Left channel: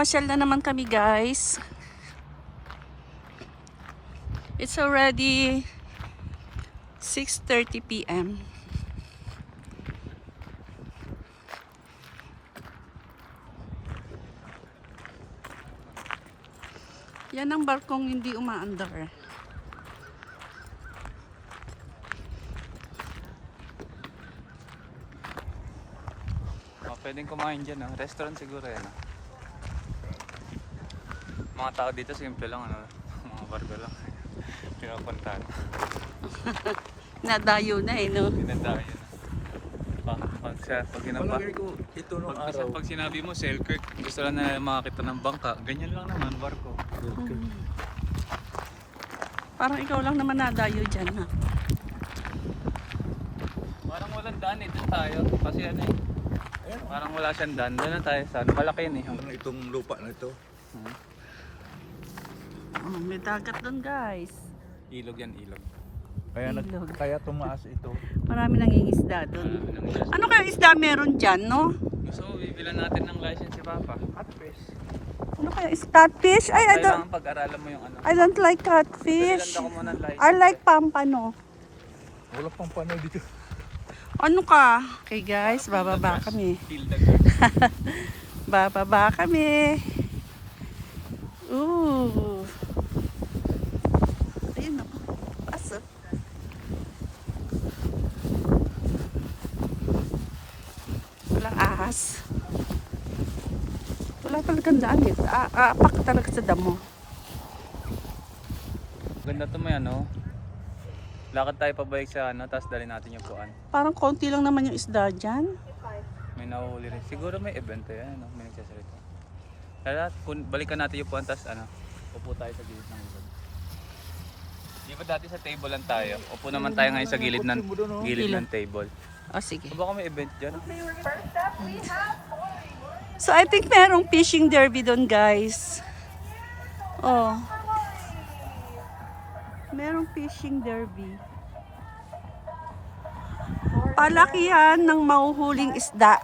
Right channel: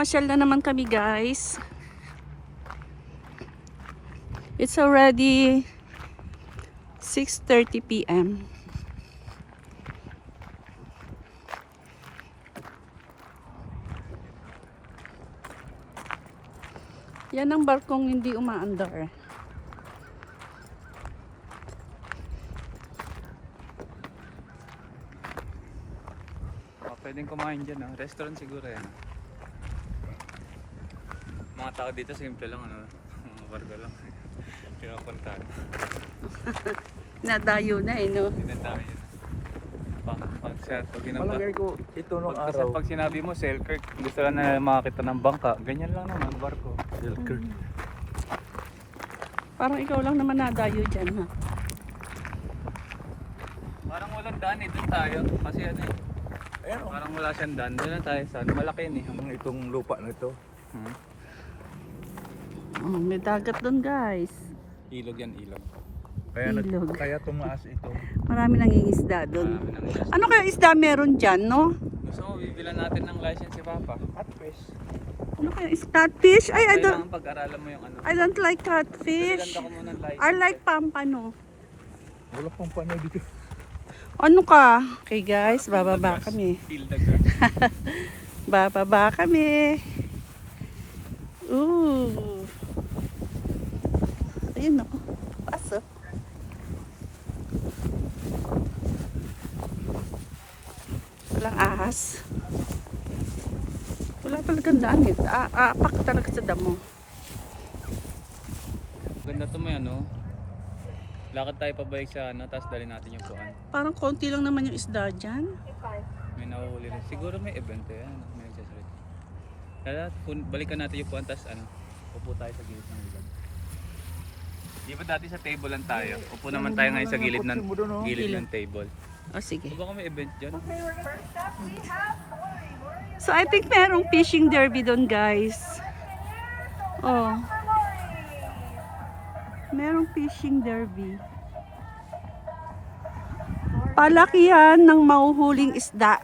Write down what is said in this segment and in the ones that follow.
Namamasyal na naman kami, guys. It's already 6:30 p.m. Yan ang barkong hindi umaandar. Pwedeng kumain dyan, ah. Restaurant siguro yan. Ah. Mga tao dito simple lang, ano, mga barko lang. Pinupuntahan. Nadayo na eh, no? Pinandahan yun. Malagay ko ito nung araw. Pag sinabi mo, Selkirk, gusto lang na makakita ng bangka. Ganyan lang naman, barko. Selkirk. Parang ikaw lang naman nadayo dyan, ha? Parang walang daan eh, dyan tayo. Kasi ano eh. Ayan, oh. Parang wala siyang daan. Doon lang tayo sa malaki yun eh. Itong lupa na ito. Oh, may dagat doon, guys. Ilog yan, ilog. Ilog. Kaya tumaas ito. Marami nangingisda doon. Ano kaya isda meron dyan, no? So, bibilan natin ng license si Papa. Catfish. Ano kaya is catfish? Ay, I don't, Kailangan pag-aralan mo yung ano. I don't like catfish. Ganda ko muna ng license. I like pampano. Wala pang panay dito. Ano ka? Okay, guys, bababa kami. Feel the grass. Bababa kami. Ooh. Ayun ako. Paso. Walang ahas. Wala talagang daan eh. Apak talaga sa damo. Ganda to may ano. Lakad tayo pabalik sa ano, tapos dali natin yung kuan. Parang konti lang naman yung isda dyan. May nahuhuli rin. Siguro may event to yan. Ano? May nagsasalita. Kaya balikan natin yung kuan, tapos ano, upo tayo sa gilid ng ilog. Di ba dati sa table lang tayo? Upo naman tayo ngayon sa gilid ng table. O, sige. Baka may event dyan. So, I think merong fishing derby doon, guys. Oh. Merong fishing derby. Palakihan ng mahuhuling isda.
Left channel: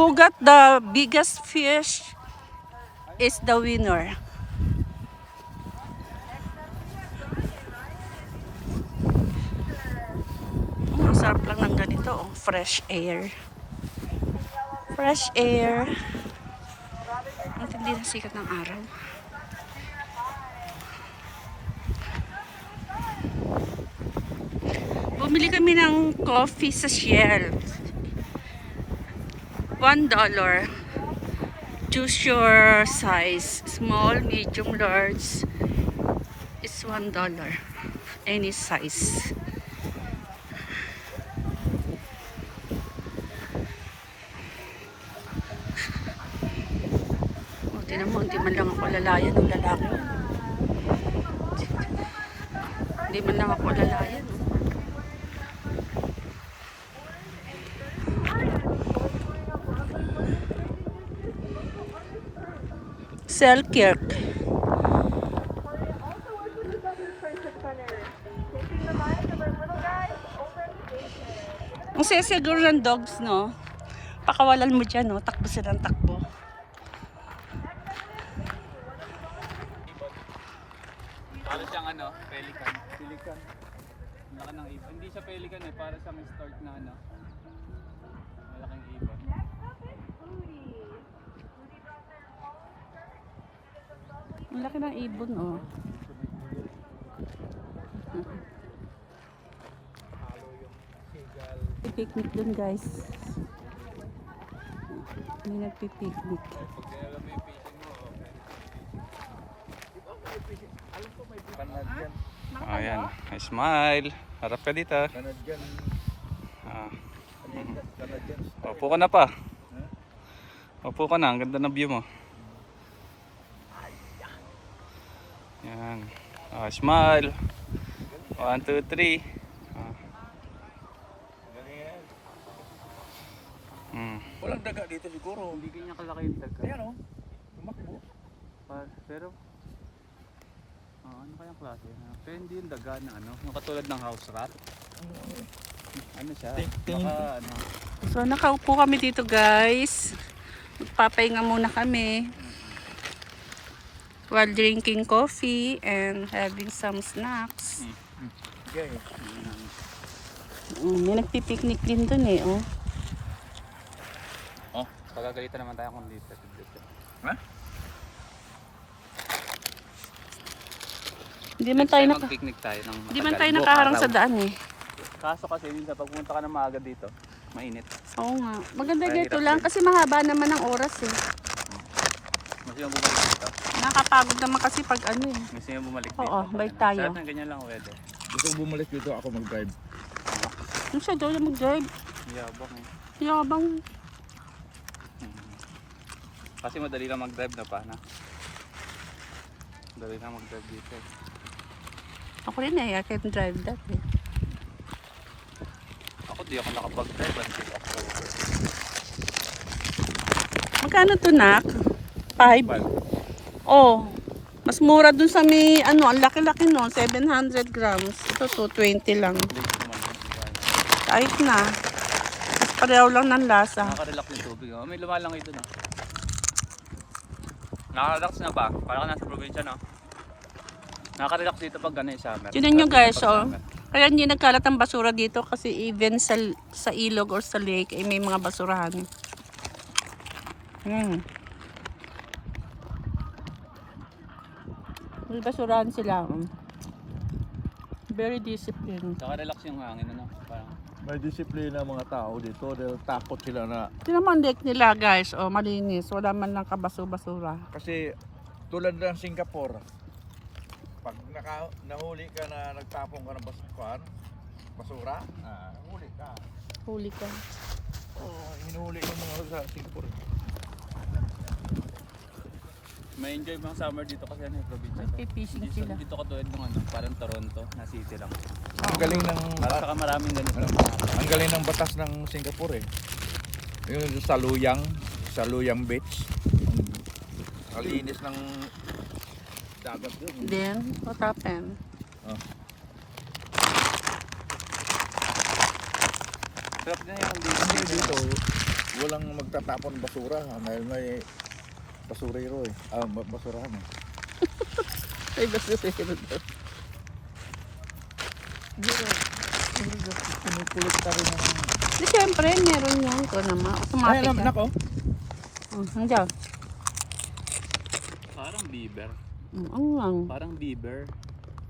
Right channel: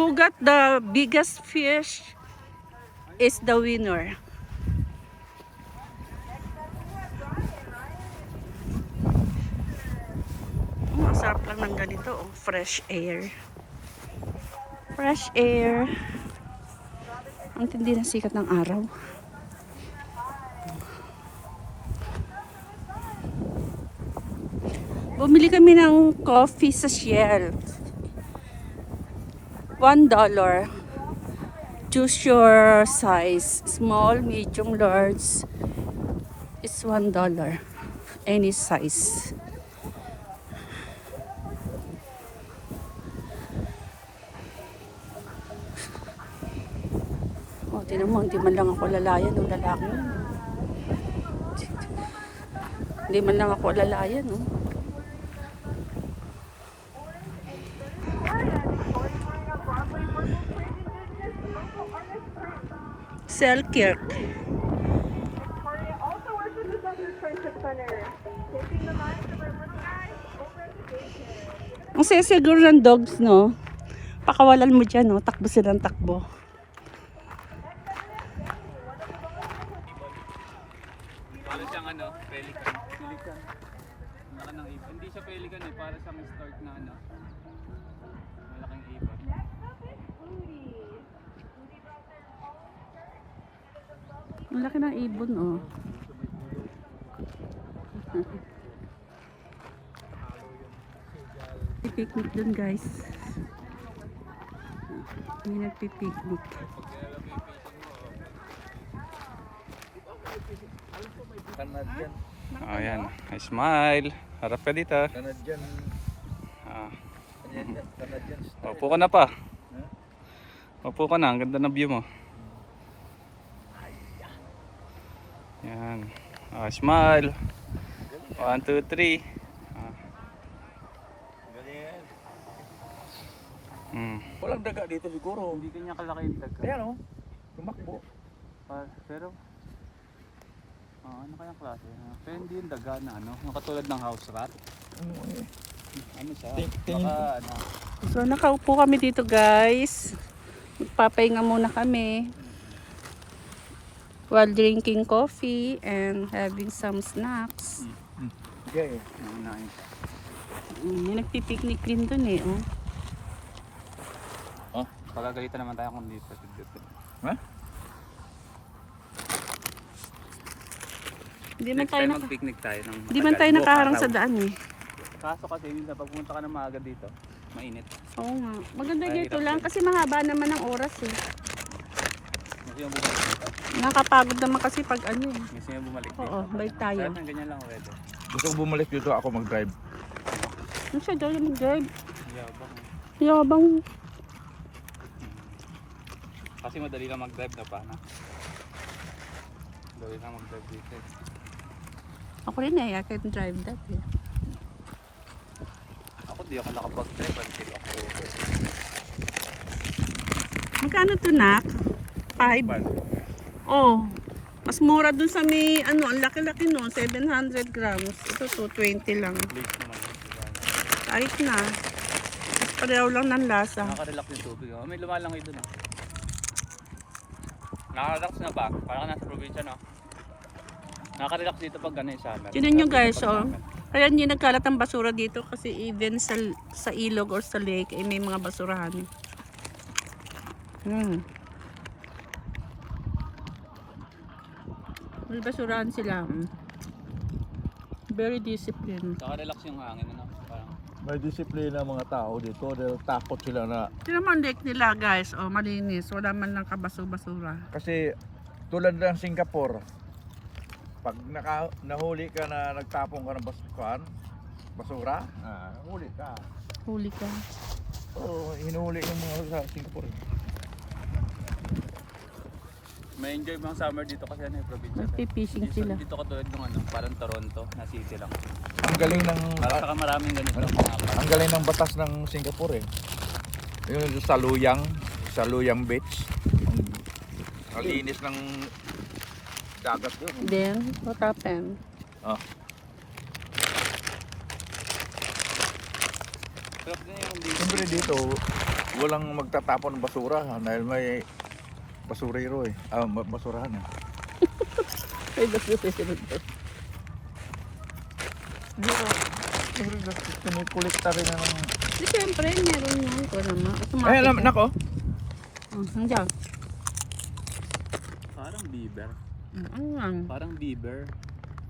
Who got the biggest fish is the winner. Ang sarap lang ng ganito, oh. Fresh air. Fresh air. Ang tindi ng sikat ng araw. Bumili kami ng coffee sa Shell. $1. Choose your size. Small, medium, large. It's $1. Any size. Oh, tinan mo, hindi man lang ako lalayan ng lalaki yun. Hindi man lang ako lalayan, no? Selkirk. Ang siguro ng dogs, no? Pakawalan mo dyan, no? Takbo silang takbo. Ano siyang ano? Pelican. Pelican. Laki ng ibon. Hindi siya pelican eh. Para siyang start na ano. Malaking ibon. Ang laki ng ibon, oh. Picnic dun, guys. May nagpipiknik. Canadian. Ayan. Smile. Harap ka dito. Canadian. Ah. Canadian style. Upo ka na pa. Upo ka na. Ang ganda ng view mo. Yan. Ah, smile. 1, 2, 3. Ah. Ganyan. Walang daga dito siguro. Hindi kanya kalaki yung daga. Ayan o. Tumakbo. Pero ano kayang klase? Pero hindi yung daga na ano, yung katulad ng house rat. Ano siya? Tingin Baka, ano, So, nakaupo kami dito, guys. Magpapahinga muna kami while drinking coffee and having some snacks. Okay. May nagpipiknik din dun eh, oh. Oh, pagagalitan naman tayo kung dito. Ha? Hindi man tayo mag-picnic tayo. Hindi man tayo nakaharang sa daan eh. Kaso kasi minsan pag pumunta ka na maaga dito, mainit. Oo nga. Maganda Ay, dito hirap lang din. kasi mahaba naman ang oras eh. Gusto yung bumalik dito? Nakakapagod naman kasi pag ano eh. Gusto yung bumalik dito? Oo, balik tayo. Sarap na ganyan lang weather. Gusto ko bumalik dito ako mag-drive. Ano siya daw yung mag-drive? Yabang eh. Yabang. Kasi madali lang mag-drive na paano. Madali lang mag-drive dito eh. Ako rin eh, I can drive that eh. Ako di ako nakapag-drive. Hindi ako. Magkano to, Nak? 5? Oh, mas mura dun sa may, ano, ang laki-laki no, 700 grams. Ito 220 lang. Late naman. Kahit na. Mas pareho lang ng lasa. Nakaka-relax yung tubig. Oh. May lumalang ito na. Nakaka-relax na ba? Parang nasa probinsya no? Nakaka-relax dito pag gano'n yung summer. Tignan nyo guys, oh. Kaya hindi nagkalat ang basura dito kasi even sa ilog or sa lake ay may mga basurahan. May basurahan sila. Very disciplined. Nakaka-relax yung hangin ano? Parang May disiplina ang mga tao dito dahil takot sila na Tignan mo ang lake nila guys, oh, malinis. Wala man lang kabaso-basura. kasi tulad ng Singapore, pag nahuli ka na nagtapon ka ng basura, huli ka. Huli ka. So, hinuhuli yung mga sa Singapore. may enjoy mga summer dito kasi ano yung probinsya. Magpipishing sila. Dito katulad ng ano, parang Toronto na city lang. Ang galing ng Saka maraming ganito. ang galing ng batas ng Singapore eh. Yung sa Luyang Beach. Ang linis ng dagat doon. Then, what happened? Sarap din yung Siyempre dito, walang magtatapon ng basura dahil may basurero eh. Basurahan eh. Ay, basura yun. Siyempre, pinipulikta rin ng... Di siyempre, meron yan ko naman. Automatic Ay, yan. nako. Nandiyan. parang beaver. Ano yan? Parang beaver.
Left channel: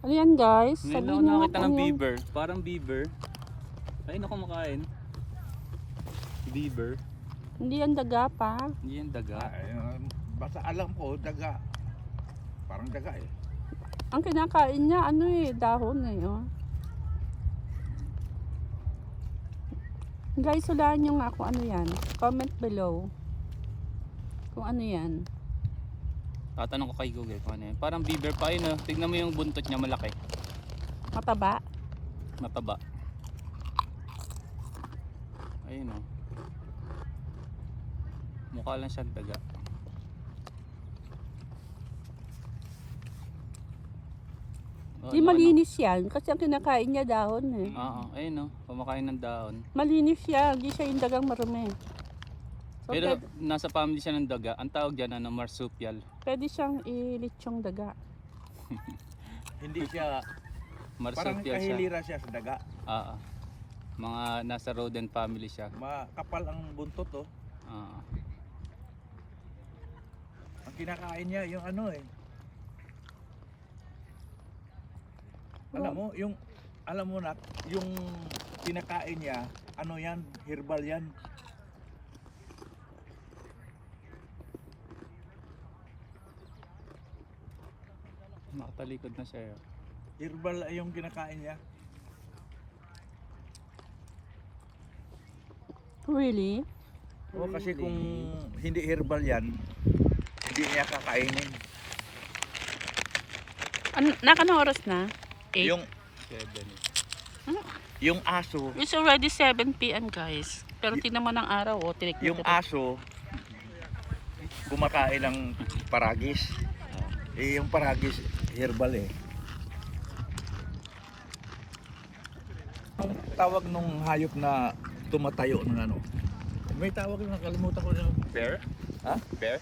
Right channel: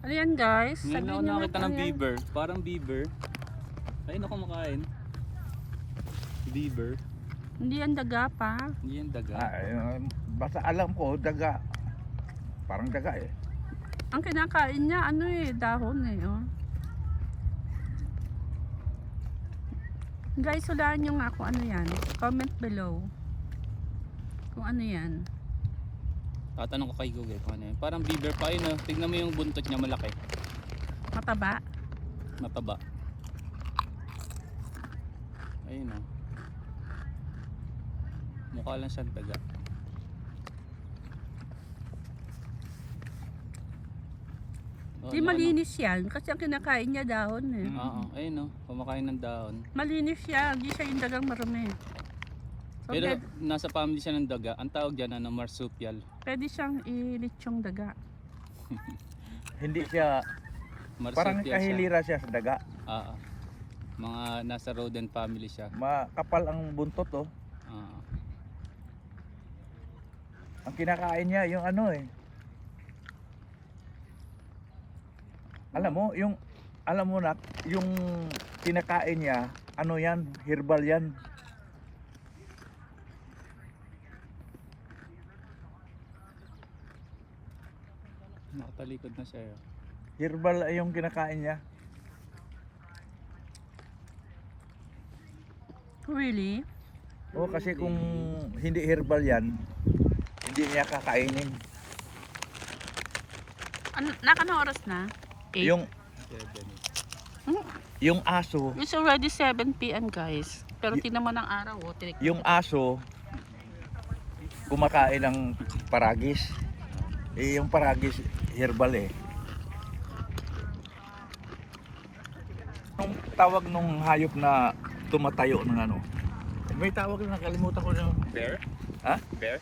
Ano yan guys? Ngayon ako Sabihin nyo nakita nga ng ano yan. beaver. Parang beaver. Ayun ako makain. Beaver. Hindi yan daga pa. Hindi yan daga. Basta alam ko, daga. Parang daga eh. Ang kinakain niya, ano eh, dahon eh. Oh. Guys, hulaan nyo nga kung ano yan. Comment below. Kung ano yan. Tatanong ko kay Google kung ano yan. Parang beaver pa yun. Tignan mo yung buntot niya malaki. Mataba. Mataba. Ayun o. Mukha lang siyang daga. Oh, Di malinis yan. Kasi ang kinakain niya dahon eh. Oo, ayun o. Kumakain ng dahon. Malinis siya. Hindi siya yung dagang marumi. So, Pero pwede, nasa family siya ng daga. Ang tawag dyan ano, marsupial. pwede siyang ilitsong daga. Hindi siya, parang Marsupial siya. kahilira siya sa daga. Oo. Mga nasa rodent family siya. Makapal ang buntot oh. Oo. Ang kinakain niya yung ano eh. Alam mo na, yung kinakain niya, ano yan, herbal yan. Nakatalikod na siya. Herbal yung kinakain niya. Really? O kasi kung hindi herbal yan, hindi niya kakainin. Ano, nakano oras na? 8? Yung 7. yung aso, It's already 7 p.m. guys. Pero tingnan mo ng araw, oh. Tinik yung aso kumakain ng paragis. Eh yung paragis herbal eh. Anong tawag nung hayop na tumatayo ng ano? May tawag na nakalimutan ko na. There? Ha? Bear?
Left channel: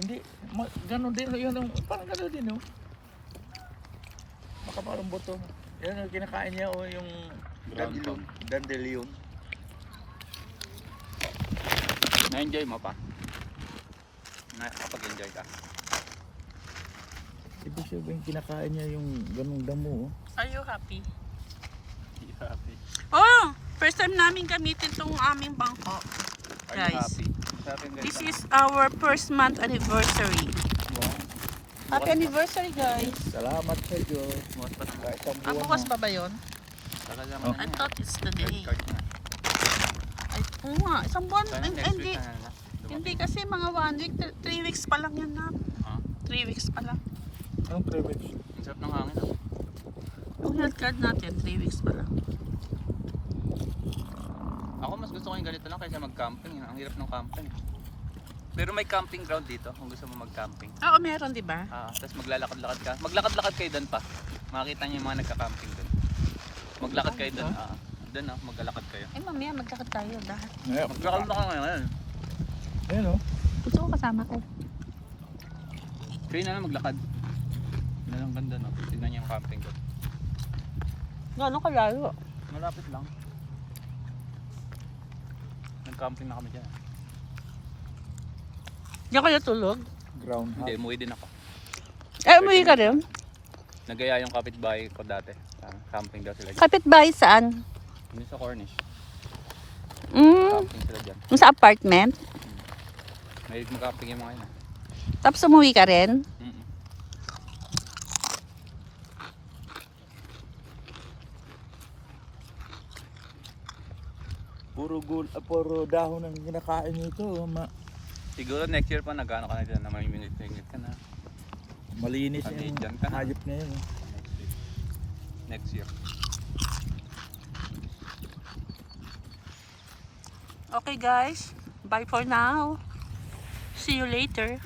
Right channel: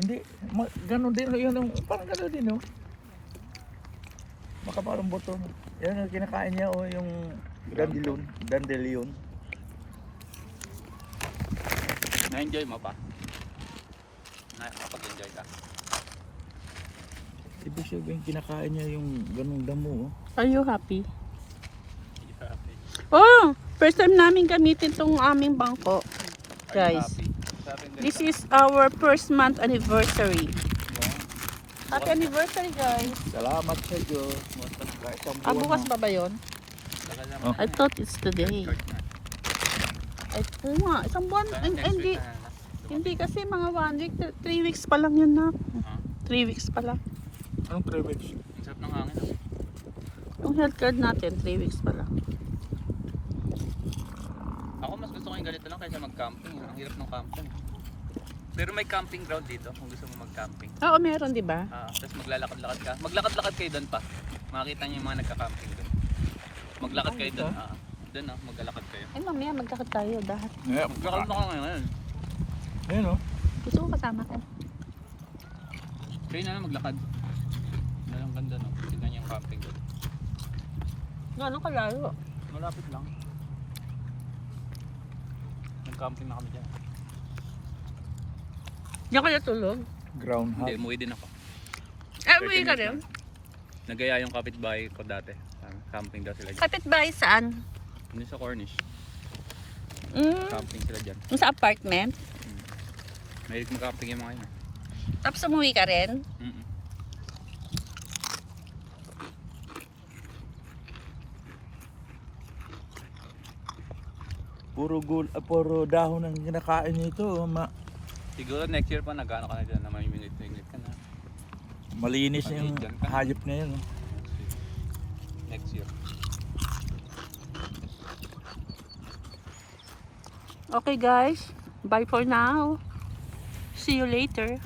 Hindi, ganun din yun, parang ganun din, oh. Makamarong buto. Yan yung kinakain niya, oh, yung dandelion. Dandelion. Na-enjoy mo pa? Nakapag-enjoy ka? Ibig sabihin, kinakain niya yung ganung damo, oh. Are you happy? Hindi ka happy. Oh, first time namin gamitin tong aming bangko. Guys, this is our first month anniversary. Happy anniversary, guys. Salamat sa Diyos. Kahit isang buwan Bukas na. pa ba yun? Oh. I thought it's today. Ay, oo nga, isang buwan. Hindi. Hindi kasi mga 1 week, 3 weeks pa lang yun na. 3 weeks pa lang. Anong 3 weeks? Ang sarap ng hangin. Yung health card natin, 3 weeks pa lang. Ako mas gusto ko yung ganito lang kaysa mag-camping. Ang hirap ng camping. Pero may camping ground dito kung gusto mo mag-camping. Oo, meron, di ba? Tapos maglalakad-lakad ka. Maglakad-lakad kayo doon pa. Makikita niyo yung mga nagka-camping doon. Maglakad kayo doon. Doon maglalakad kayo. Eh, mamaya magkakad tayo dahil. Maglakad na kayo ngayon. Ayun, oh. Gusto ko kasama ka. Kayo na lang maglakad. Yan ang ganda no. Tignan niyo yung camping doon. Gano'ng kalayo? Malapit lang. Nag-camping na kami dyan. Diyan ka natulog? Ground Hindi, umuwi din ako. Umuwi ka rin? Nagaya yung kapitbahay ko dati. Camping daw sila dyan. Kapitbahay saan? Ano sa Cornish? Camping sila dyan. Sa apartment? Mahilig mag-camping yung mga yun. Tapos umuwi ka rin? Puro dahon ang kinakain nito, oh. Siguro next year pa nag-ano ka na dyan na may minute ka na. Malinis yung hayop na yun, oh. Next year. Okay guys, bye for now. See you later.